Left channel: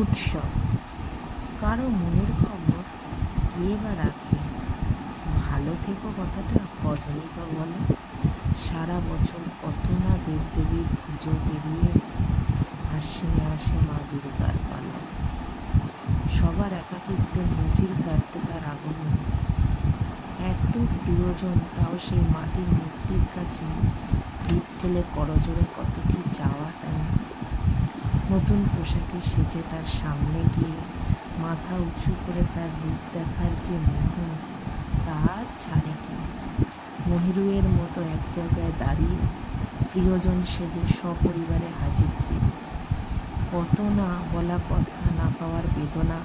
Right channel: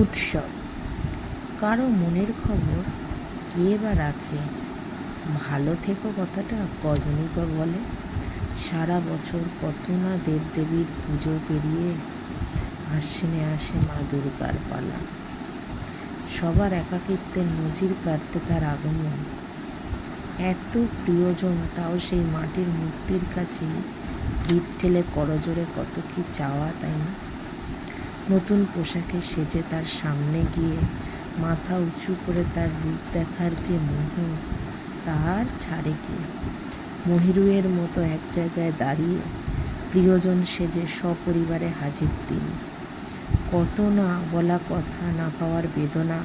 উৎসব। কারো মনের খবর কে বা রাখে? ভালো থেকো কথাটা কজনই বা বলে? সারা বছর কত না দেবদেবীর পুজো পেরিয়ে আশ্বিনে আসে মা দুর্গার পালা। সবার একাকিত্বের নজির কাটতে তার আগমন। এত প্রিয়জন, তাও সেই মাটির মূর্তির কাছেই পিঠ ঠেলে করজোড়ে কত কি চাওয়া, তাই না? নতুন পোশাকে সেজে তার সামনে গিয়ে মাথা উঁচু করে তার রূপ দেখার যে মোহ, তার ছাড়ে কি? মহিরুহের মতো এক জায়গায় দাঁড়িয়ে প্রিয়জন সেজে সপরিবারে হাজির তিনি। কত না বলা কথা, না পাওয়ার বেদনা,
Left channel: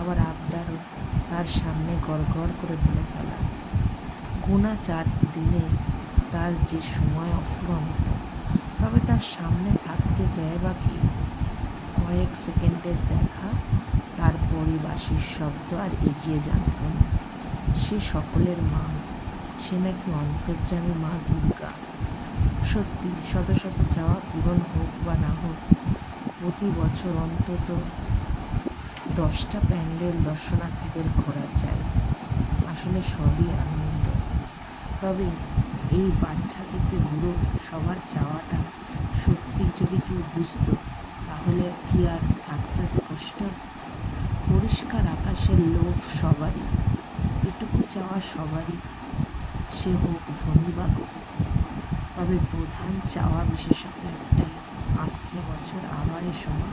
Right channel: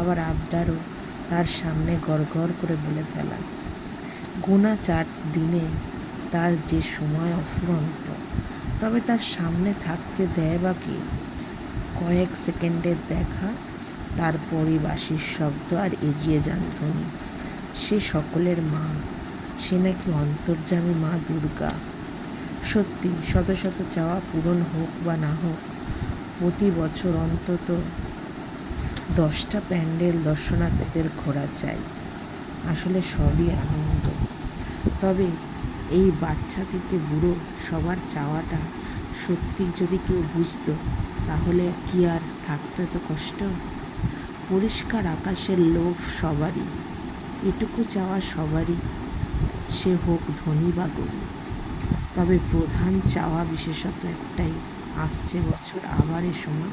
আবার আবদারও তার সামনে গড় করে বলে ফেলা। গোনা 4 দিনে তার যে সময় অফুরন্ত, তবে তার সামনে থাকতে দেয় বা কে? কয়েক সেকেন্ডের দেখা, তারপরই বাঁশির শব্দ আর এগিয়ে যান ধ্বনি। সে সকলের মা, সে নাকি অন্তর্যামী মা দুর্গা। সত্যি, শত শত চাওয়া পূরণ হোক বা না হোক, প্রতি বছর অন্তত 10টা প্যান্ডেল দর্শনার্থীদের ঘোরা চাই। আসলে সবই আনন্দ। তবে এই বাচ্চা থেকে বুড়ো সবার চাওয়াটা সত্যি যদি কেউ বুঝতো, তাহলে কি আর থাকতো এত কষ্ট? পরিষ্কার আকাশের লোভ সবারই, এটুকু চাওয়া সবারই, সে হোক ধনী বা গরিব। তবে প্রধান চাওয়া বিশেষত একটাই, আসছে বছর আবার এ সময়